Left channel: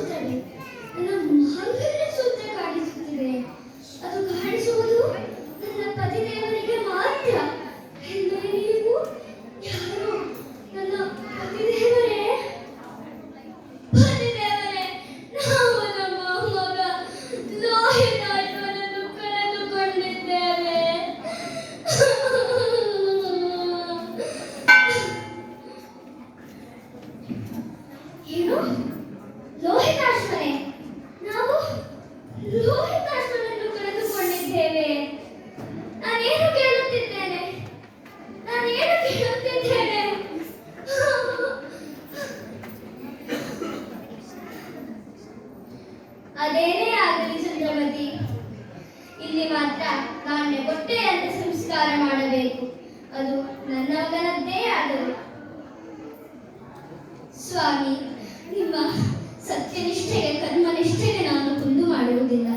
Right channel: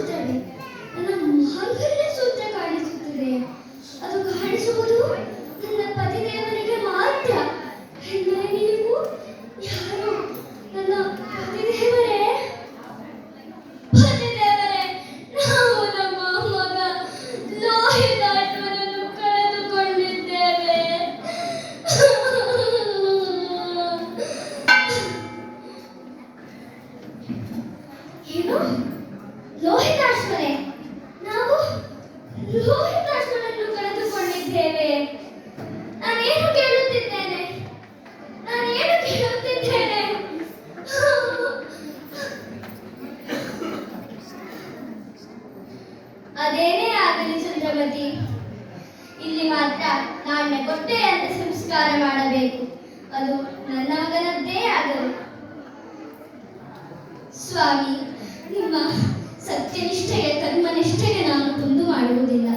ಸುತ್ತನೆ ನನ್ನ ಮಹಾನ್ ಕಾಣಿಸುತ್ತಿದೆ. ಅದು ಕೇಳುತ್ತಿದ್ದೇನೆ? ಕೇಳುತ್ತಿದ್ದೇನೆ? ಅದೇನೇ ಆಗಲಿ ಚಂದ್ರವತಿ ಇಲ್ಲಿ ಮಾತ್ರ ನಾಣ್ಯ ಕೊಟ್ಟೆ ಅಂತ ಸಂಸ್ಕಾರ ಮಾಡಬೇಕು. ಅದು ನನ್ನ ಮಗನದ್ದೇ ಆಗಲಿ ಸ್ವಾಮಿ, ನಿಮ್ಮ ಸತ್ಯನಿಷ್ಠೆಗೆ ಕರ್ಮನಿಷ್ಠೆಗೆ ನಾನು ಕುಂದು ಮಾಡುವುದಿಲ್ಲ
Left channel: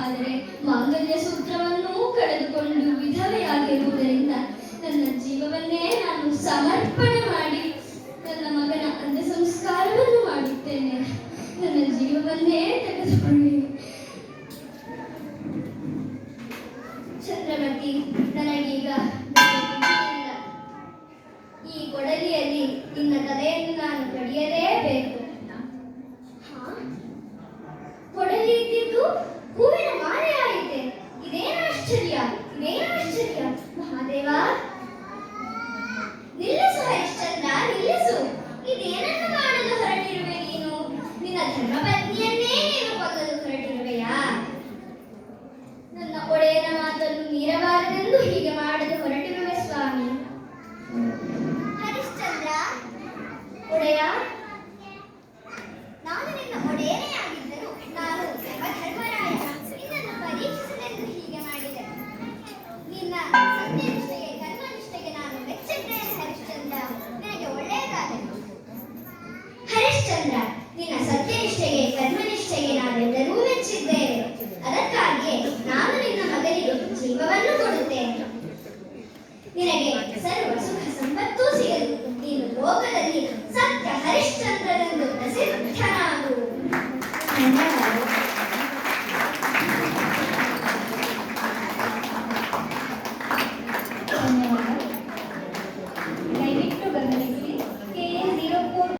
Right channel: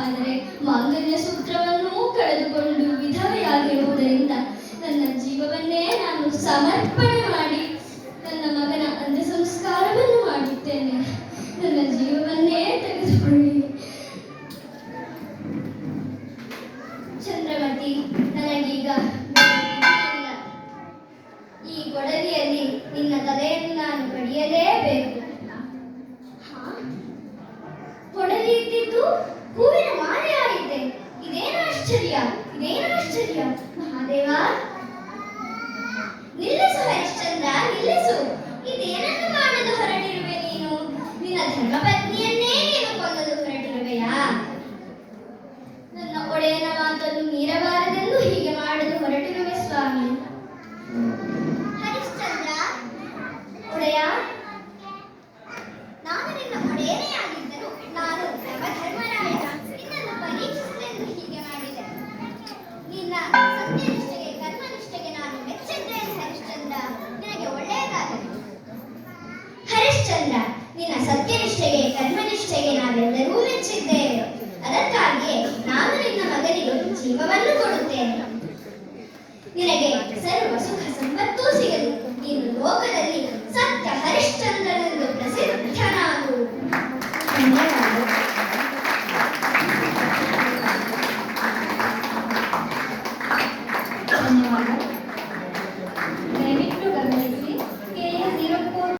ಆದರೆ ಮಾಂಗಲ್ಯ ಸೂತ್ರವನ್ನು ಕಳೆದುಕೊಂಡು ವಿಧವೆಯಾಗಿರುವುದರಿಂದ ನನ್ನ ಜೀವವನ್ನೇ ನಾನು ಸಮರ್ಪಣೆ